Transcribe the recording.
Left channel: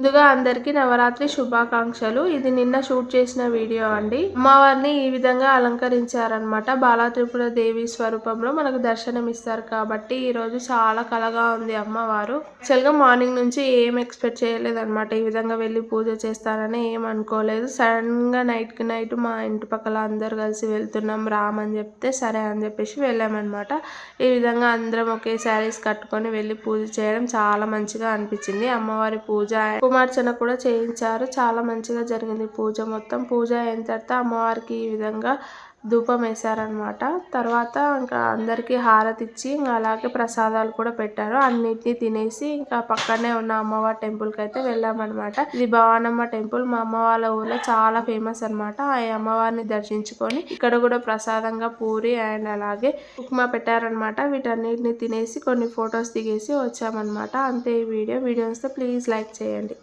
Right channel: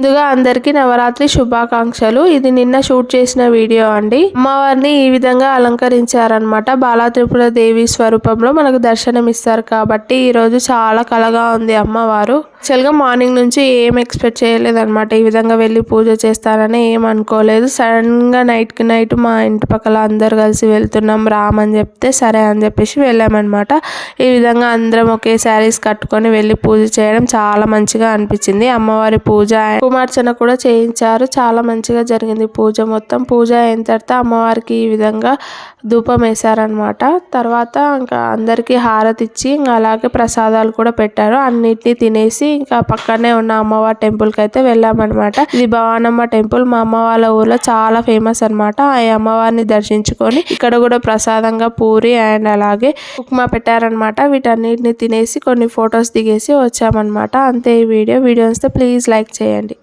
ముందుగా అందరికీ నవరాత్రి శుభాకాంక్షలు. ఇది నిన్న షూట్ చేసిన వీడియో అండి. అమ్మవారిని ఈ విధంగా అలంకరించారనమాట. బాలా త్రిపుర దేవి స్వరూపంలో మనకు దర్శనం ఇస్తారు కాబట్టి ఈరోజు చాలా కళగా ఉంది అమ్మవారు. యాక్చువల్గా మార్నింగ్ నుంచి ఏం ఎక్స్పెక్ట్ చేయలేదన్నమాట. ఈ విధంగా వెళ్ళి పూజ చేస్తారని ఏం అనుకోలేదు. సడన్గా నైట్కి నైట్ మా ఇంటి పక్కల అందరు కలిసి వెళ్తున్నాం రామని చెప్తే సరే అని చెప్పేసి వెళ్ళామన్నమాట. ఈ విధంగా అందరం ఒకే శారీస్ కట్టుకొని వెళ్ళి పూజ చేయడం చాలా మంచిగా అనిపించింది. అమ్మవారి పూజ కుమార్చన కూడా చేయించారు. చాలా మంచిగా జరిగింది పూజ మొత్తం. పూజ అయిన తర్వాత అమ్మవారికి ఈ విధంగా ధూపం వేశారనమాట. తర్వాత ఇంకా అందరికీ హారతి ఇచ్చి ఇంకా అలాగే ప్రసాదాలు కూడా పెట్టారు. అన్నిటినీ తినేసి ఇంకా పక్కనే ఉన్న అమ్మవారి టెంపుల్కి అయితే వెళ్ళామన్నమాట. ఇది భవానమ్మ టెంపుల్ మా అమ్మ వాళ్ళ ఊర్లో చాలా ఫేమస్ అనమాట. ఆ అమ్మవారిని దర్శించుకొని ఇక్కడ కూడా ప్రసాదంగా పూరి అండ్ అలాగే ఉప్మా పెట్టారనమాట. వీటన్నిటిని తినేసి కొన్ని ఫొటోస్ దిగేసి వచ్చామన్నమాట. అంతే ఈ వీడియో వస్తే ప్లీజ్ లైక్ చేయండి.